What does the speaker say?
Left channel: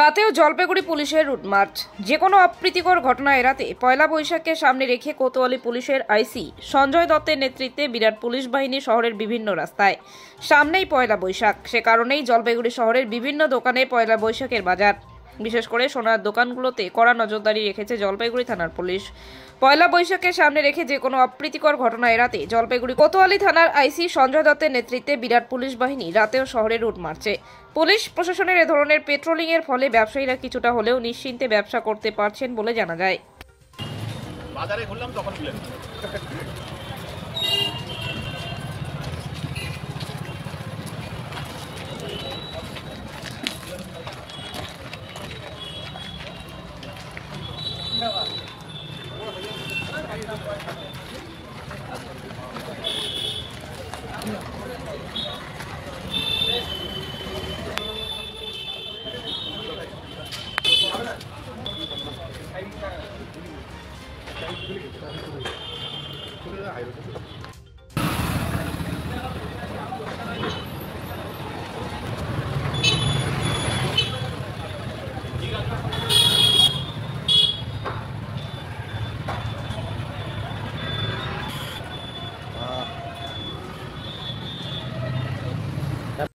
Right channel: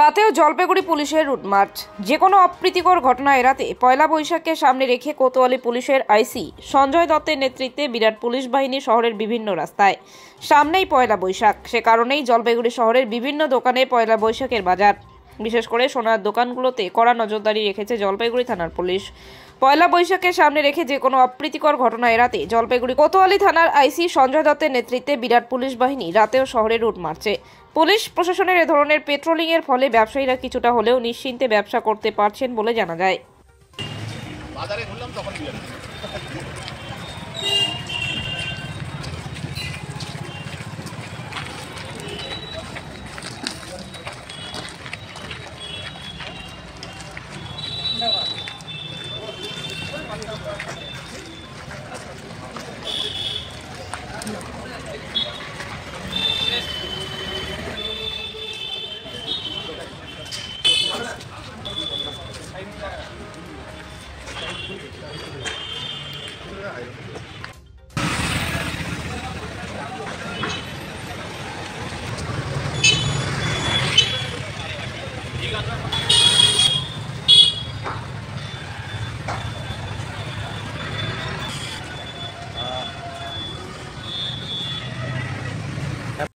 রাতেও জলপাইগুড়ি পুলিশের route march. যে কোনো অপ্রীতিকর ঘটনা এড়াতে পয়লা বৈশাখকে সামনে রেখে কোতোয়ালি পুলিশের আইসি সঞ্জয় দত্তের নেতৃত্বে বিরাট পুলিশ বাহিনী শহরের বিভিন্ন রাস্তায়। সামনেই পয়লা বৈশাখ, সে কারণেই জলপাইগুড়ি শহরের বিভিন্ন দোকানে পয়লা বৈশাখের বাজার। বিশেষ করে সোনার দোকানগুলোতে কড়া নজরদারি রেখেছে জলপাইগুড়ি থানার পুলিশ। পয়লা বৈশাখকে সামনে রেখে যে কোনো অপ্রীতিকর ঘটনা এড়াতে জলপাইগুড়ি কোতোয়ালি থানার আইসি সঞ্জয় দত্তের নেতৃত্বে বিরাট পুলিশ বাহিনী রাতেও শহরে রুট মারছে। পুলিশ প্রশাসনের এ ধরনের পেট্রোলিং এর ফলে ব্যবসায়ীরা কিছুটা হলেও নিশ্চিন্তে ব্যবসা করতে পারছেন বলে জানা যায়। বাজারে ঘুরলাম তখন দিলেন